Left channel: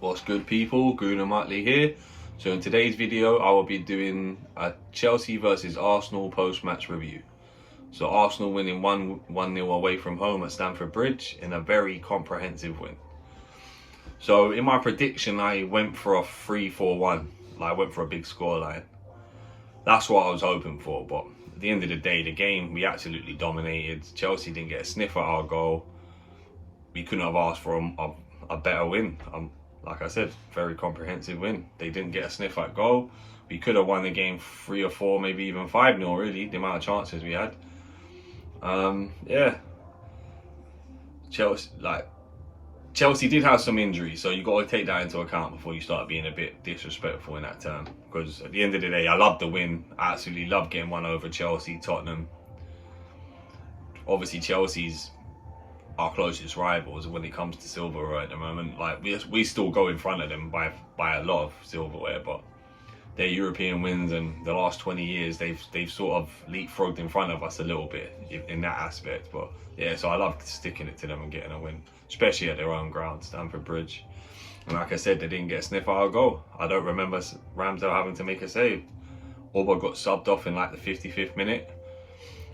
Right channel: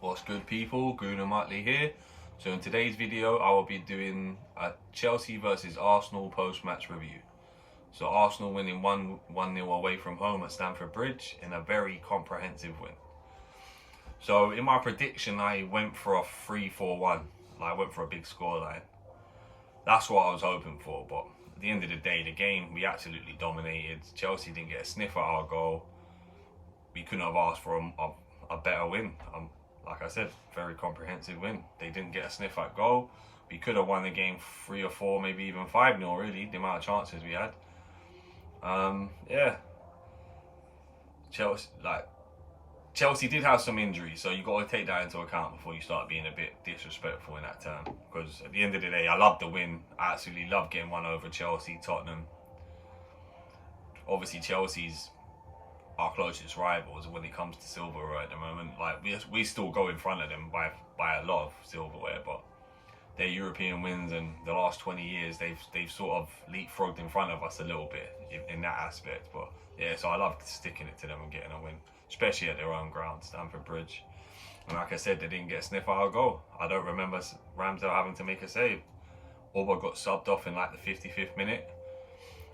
What's good, people? Guna Mutley here. So in today's video I will be doing a Chelsea versus Arsenal post-match review. So Arsenal winning 1-0 away from home at Stamford Bridge in a very comprehensive win. So in my prediction I went for a 3-4-1. I went for a big scoreline. That's what I was hoping for, but at the end of the day, the game we absolutely dominated. Chelsea didn't get a sniff at our goal. We couldn't have asked for a better win. Like I said, very comprehensive win. They didn't get a sniff at goal. We could have won the game 3 or 4, maybe even 5-0, really, the amount of chances we had. Yeah. Chelsea did have some injuries, so you got to take that into account before you start being a bit disrespectful in that term. Because at the end of the day, I love the win. I absolutely love getting one over Chelsea, Tottenham. Obviously, Chelsea's our closest rivals when it comes to silverware at the moment. Like we still go in front of them by a lot of silverware, but their European wins and the last 20 years they've sort of leapfrogged in front of us a little bit in that aspect. But yeah, so I love sticking it to them and getting a win, especially at their own ground, Stamford Bridge. And like I said, they didn't get a sniff at our goal. I don't remember Ramsdale having to make a save. Auba got subbed off in like the 55th minute,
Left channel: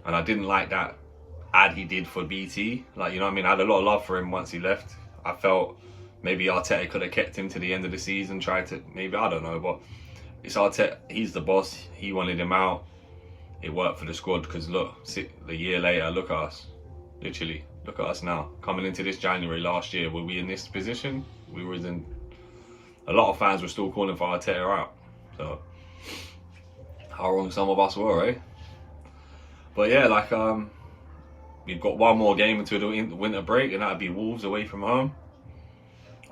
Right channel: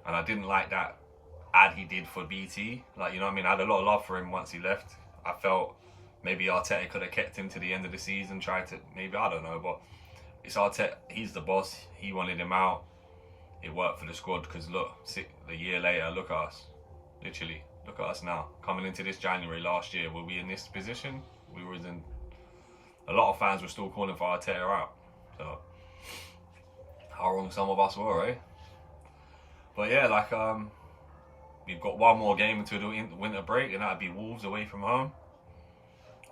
and I didn't like that ad he did for BT. Like, you know what I mean? I had a lot of love for him once he left. I felt maybe Arteta could have kept him to the end of the season, tried to, maybe, I don't know, but it's Arteta, he's the boss, he wanted him out. It worked for the squad, because look, a year later, look at us. Literally, look at us now. Coming into this January last year, were we in this position? We were in, a lot of fans were still calling for Arteta out. So, how wrong some of us were, eh? But yeah, like, we've got one more game until the winter break, and that'd be Wolves away from home.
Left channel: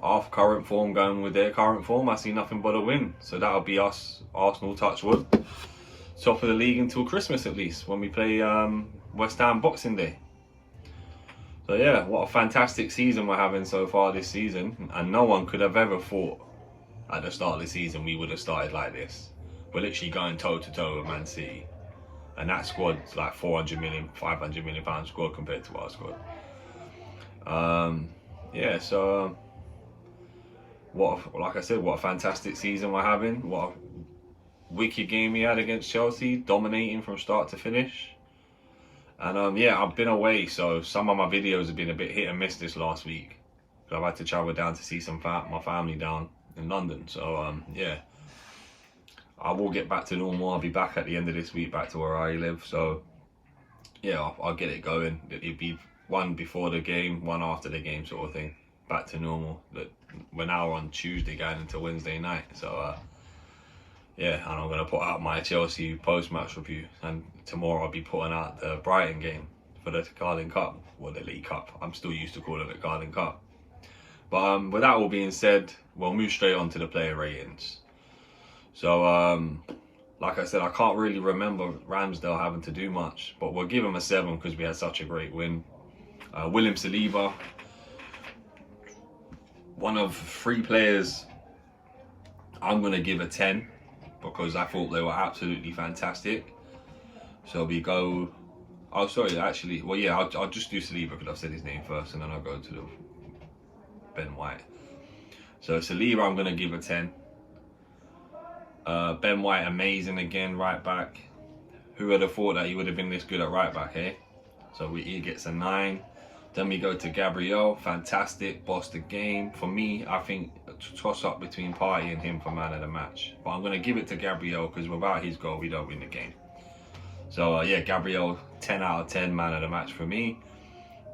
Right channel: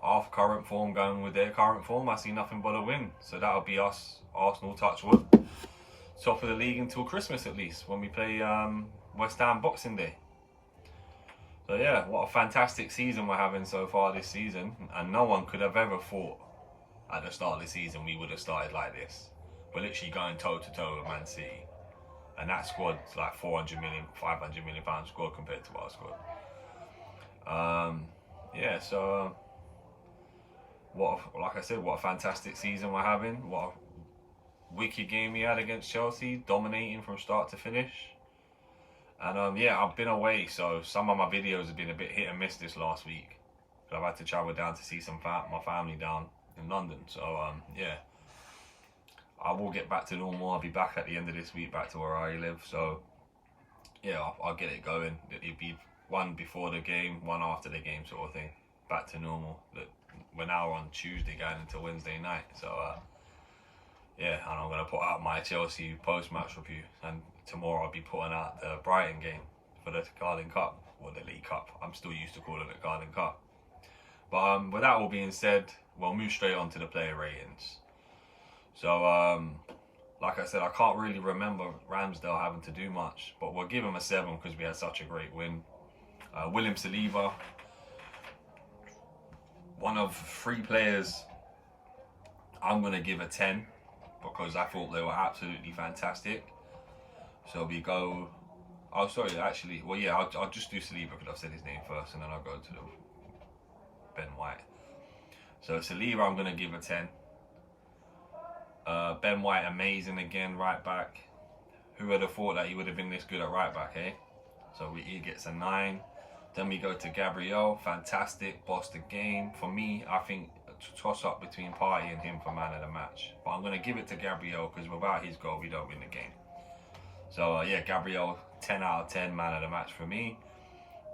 Our current form going with their current form, I see nothing but a win. So that'll be us, Arsenal, touch wood, top of the league until Christmas at least, when we play West Ham Boxing Day. So yeah, what a fantastic season we're having so far this season, and no one could have ever thought at the start of the season we would have started like this. We're literally going toe to toe with Man City. And that squad's like 400 million, 500 million pound squad compared to our squad. Yeah, so like I said, what a fantastic season we're having. What a wicked game we had against Chelsea, dominating from start to finish. And yeah, I've been away, so some of my videos have been a bit hit and miss this last week. I've had to travel down to see my family down in London. So yeah. I will get back to normal. I'll be back at the end of this week, back to where I live. So, yeah, I'll get it going. It'll be one before the game, one after the game sort of thing. Back to normal. We're now on Tuesday going into Wednesday night. So, yeah, and I'm going to put out my Chelsea post-match review. And tomorrow I'll be putting out the Brighton game for the Carling Cup, or the League Cup. I'm still used to calling it Carling Cup. But with that all being said, we'll move straight on to the player ratings. So, like I said, I can't really remember Ramsdale having to do much, but we'll give him a 7 because we had such a great win. William Saliba, one of 3 players I'm going to give a 10 because I thought they were absolutely fantastic. So we go, oh sorry, actually, well yeah, I'll just do Saliba because I've said his name first, and then I'll go to the Ben White. So Saliba I'm going to give a 10. Ben White, amazing again, right back. Who would have thought that he would have been this good at right back, eh? So he gets a 9. Then we go to Gabriel, fantastic, bossed the game. For me, I think a toss up between Partey and him for man of the match. But I'm going to give it to Gabriel because without his goal, we don't win the game. So yeah, Gabriel, 10 out of 10, man of the match for me.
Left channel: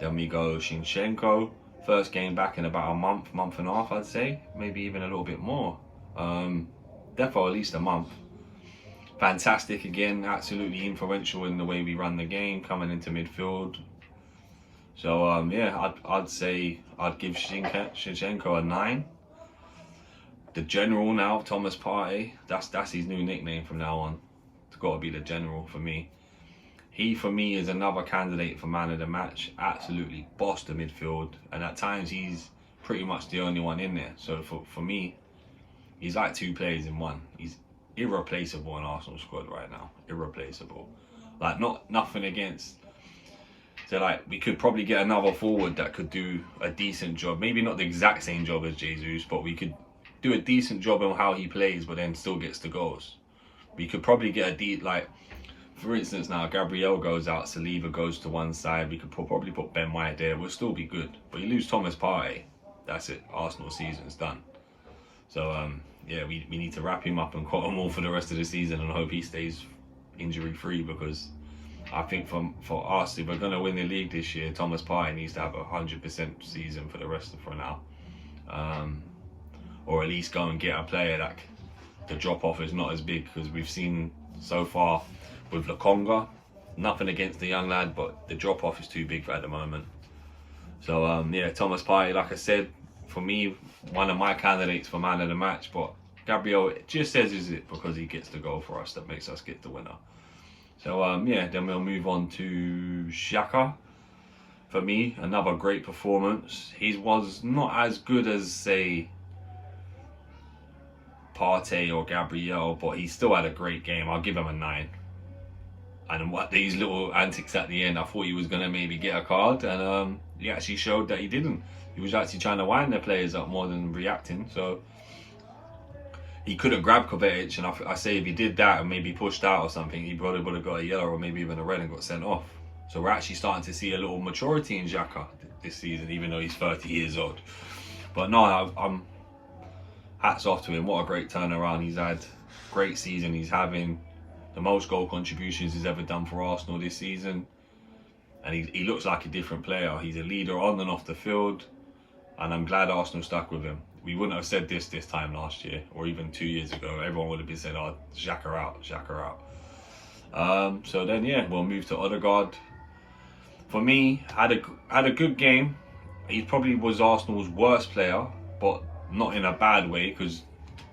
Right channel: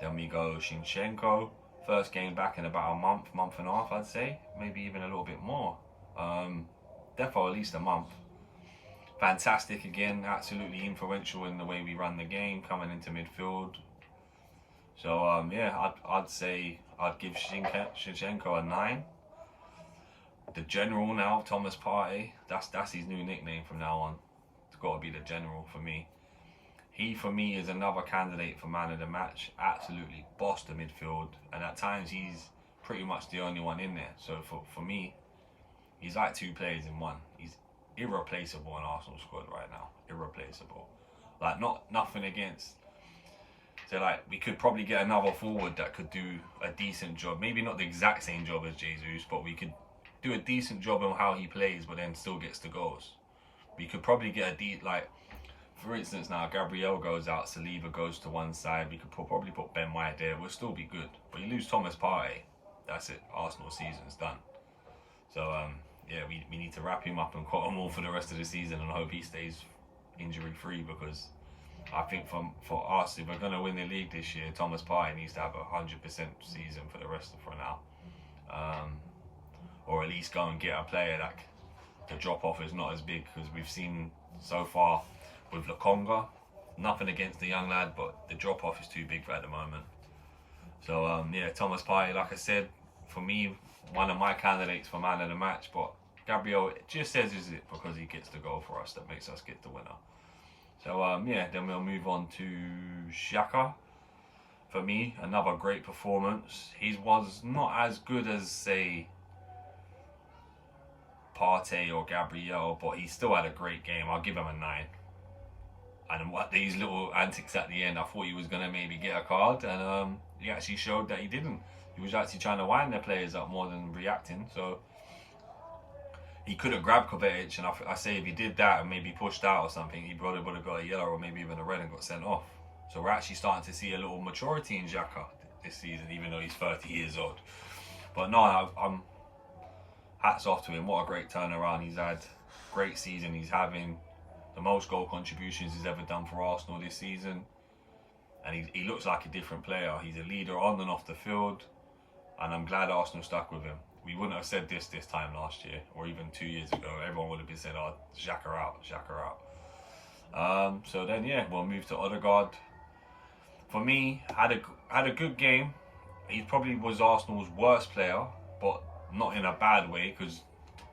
Then we go Zinchenko, first game back in about a month and a half, I'd say. Maybe even a little bit more. Definitely at least a month. Fantastic again, absolutely influential in the way we run the game, coming into midfield. So yeah, I'd say I'd give Zinchenko a 9. The General now, Thomas Partey, that's his new nickname from now on. It's got to be the General for me. He, for me, is another candidate for man of the match. Absolutely bossed the midfield, and at times he's pretty much the only one in there. So for me, he's like 2 players in one. He's irreplaceable in Arsenal squad right now. Irreplaceable. Like, nothing against. So like, we could probably get another forward that could do a decent job. Maybe not the exact same job as Jesus, but we could do a decent job on how he plays, but then still gets the goals. We could probably get for instance, now Gabriel goes out, Saliba goes to one side. We could probably put Ben White there. We'll still be good. But you lose Thomas Partey, that's it. Arsenal season's done. So yeah, we need to wrap him up and cut him all for the rest of the season and hope he stays injury free, because I think for us, if we're gonna win the league this year, Thomas Partey needs to have 100% season for the rest of now, or at least go and get a player that the drop off is not as big, because we've seen so far with Lokonga, nothing against the young lad, but the drop off is too big at the moment. So yeah, Thomas Partey, like I said, for me, one of my candidates for man of the match, but Gabriel just says is it because he gets the goal for us that makes us get the winner. So yeah, then we'll move on to Xhaka. For me, another great performance. He was not as good as, say, Partey or Gabriel, but he still had a great game. I'll give him a 9. And what these little antics at the end, I thought he was going to maybe get a card, and he actually showed that he didn't. He was actually trying to wind their players up more than reacting. So he could have grabbed Kovacic, and I say if he did that and maybe pushed out or something, he probably would have got a yellow or maybe even a red and got sent off. So we're actually starting to see a little maturity in Xhaka this season, even though he's 30 years old. But no, I'm hats off to him. What a great turnaround he's had. Great season he's having. The most goal contributions he's ever done for Arsenal this season. And he looks like a different player. He's a leader on and off the field. And I'm glad Arsenal stuck with him. We wouldn't have said this time last year, or even 2 years ago. Everyone would have been saying, oh, Xhaka out, Xhaka out. So then, yeah, we'll move to Odegaard. For me, had a good game. He probably was Arsenal's worst player, but not in a bad way, because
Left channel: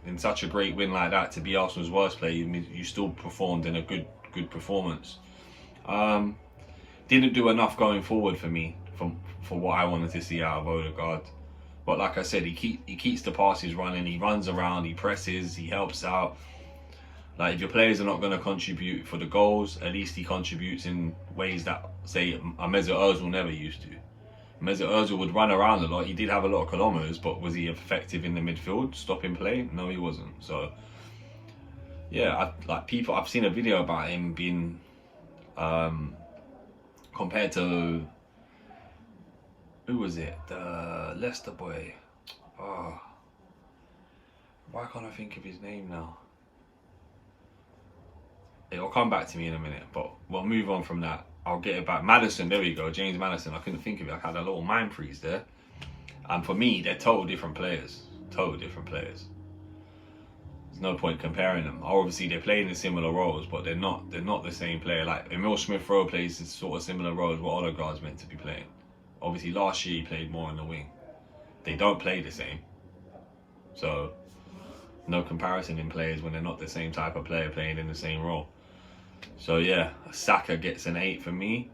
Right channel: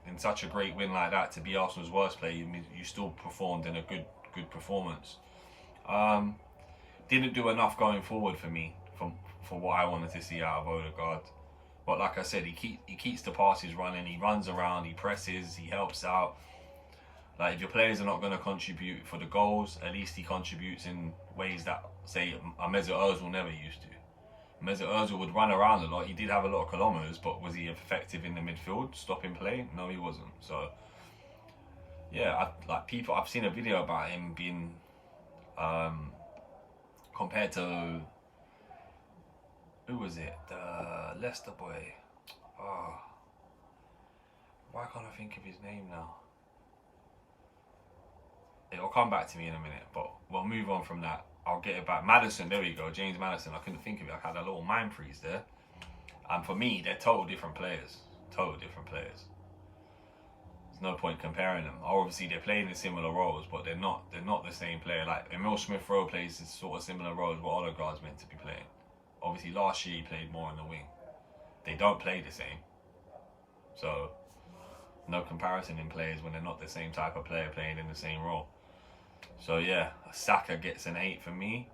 in such a great win like that, to be Arsenal's worst player, you still performed in a good performance. Didn't do enough going forward for me, for what I wanted to see out of Odegaard. But like I said, he keeps the passes running. He runs around. He presses. He helps out. Like, if your players are not going to contribute for the goals, at least he contributes in ways that, say, a Mesut Ozil never used to. Mesut Ozil would run around a lot. He did have a lot of kilometers, but was he effective in the midfield, stopping play? No, he wasn't. So yeah, I've seen a video about him being compared to, who was it? The Leicester boy. Oh, why can't I think of his name now? It'll come back to me in a minute, but we'll move on from that. I'll get it back. Madison, there we go. James Madison. I couldn't think of it. I had a little mind freeze there. And for me, they're total different players. Total different players. There's no point comparing them. Obviously, they're playing in similar roles, but they're not the same player. Like, Emil Smith-Rowe plays sort of similar roles what Odegaard's meant to be playing. Obviously, last year he played more in the wing. They don't play the same. So, no comparison in players when they're not the same type of player playing in the same role. So yeah, Saka gets an 8 for me.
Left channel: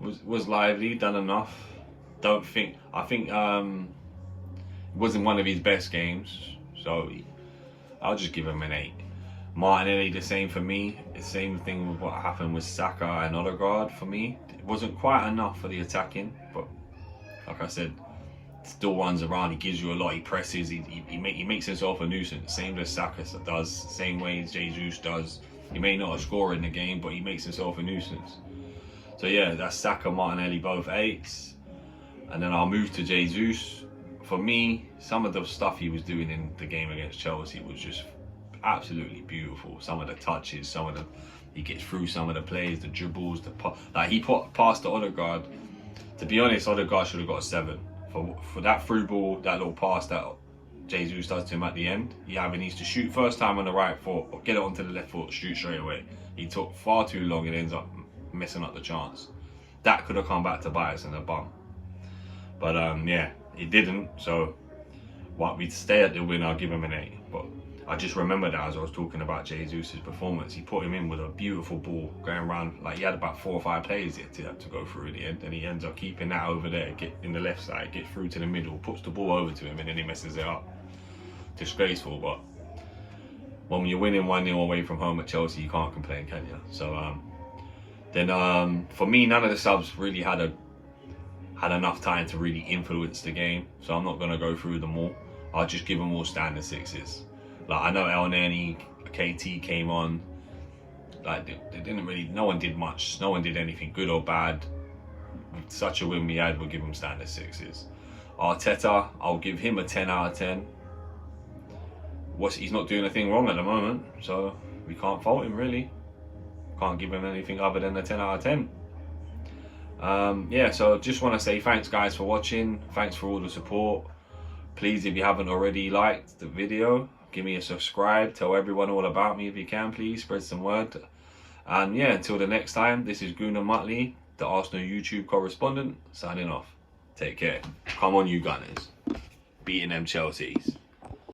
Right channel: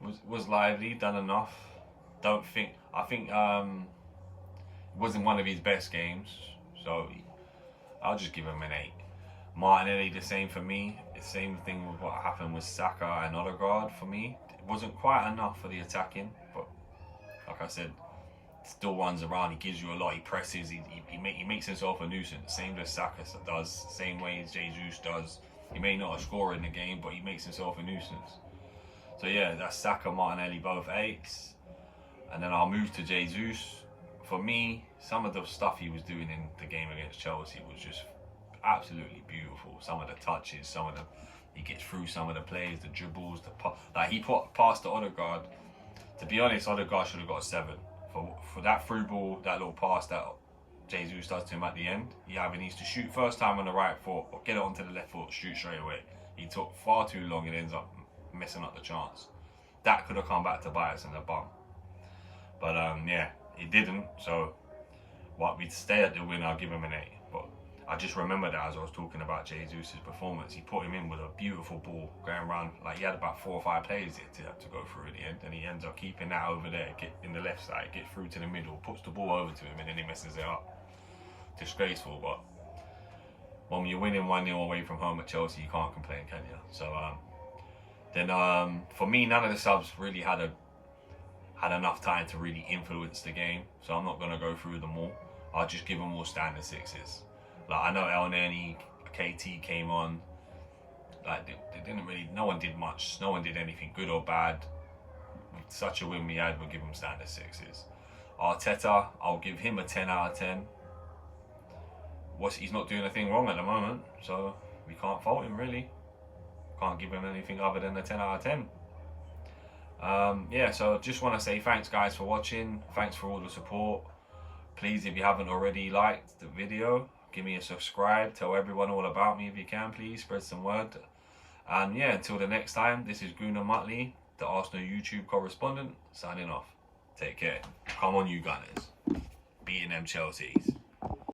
Was lively, done enough. I think it wasn't one of his best games, so I'll just give him an 8. Martinelli, the same for me. The same thing with what happened with Saka and Odegaard for me. It wasn't quite enough for the attacking, but like I said, still runs around. He gives you a lot. He presses. He makes himself a nuisance. Same as Saka does. Same way Jesus does. He may not have scored in the game, but he makes himself a nuisance. So yeah, that's Saka, Martinelli, both 8s. And then I'll move to Jesus. For me, some of the stuff he was doing in the game against Chelsea was just absolutely beautiful. Some of the touches, he gets through some of the plays, the dribbles, he passed to Odegaard. To be honest, Odegaard should have got a 7 for that through ball, that little pass that Jesus does to him at the end. He either needs to shoot first time on the right foot or get it onto the left foot, shoot straight away. He took far too long and ends up messing up the chance. That could have come back to bite us in the bum. But yeah, it didn't. So we'd stay at the win. I'll give him an 8. But I just remembered that as I was talking about Jesus' performance. He put him in with a beautiful ball going around. Like, he had about 4 or 5 players to go through in the end, and he ends up keeping that over there, get in the left side, get through to the middle, puts the ball over to him, and then he messes it up. Disgraceful. But when you're winning 1-0 away from home at Chelsea, you can't complain, can you? So then for me, none of the subs really had enough time to really influence the game, so I'm not going to go through them all. I'll just give them all standard 6s. Like, I know El Nani, KT came on. Like, they didn't really, no one did much. No one did anything good or bad. With such a win we had, we'll give him standard 6s. Arteta, I'll give him a 10 out of 10. He's not doing anything wrong at the moment, so we can't fault him really. Can't give him anything other than a 10 out of 10. Yeah, so just want to say thanks guys for watching. Thanks for all the support. Please, if you haven't already liked the video, give me a subscribe. Tell everyone all about me if you can, please. Spread some word. And yeah, until the next time, this is Gunnar Muttley, the Arsenal YouTube correspondent, signing off. Take care. Come on, you Gunners. Beating them Chelseas.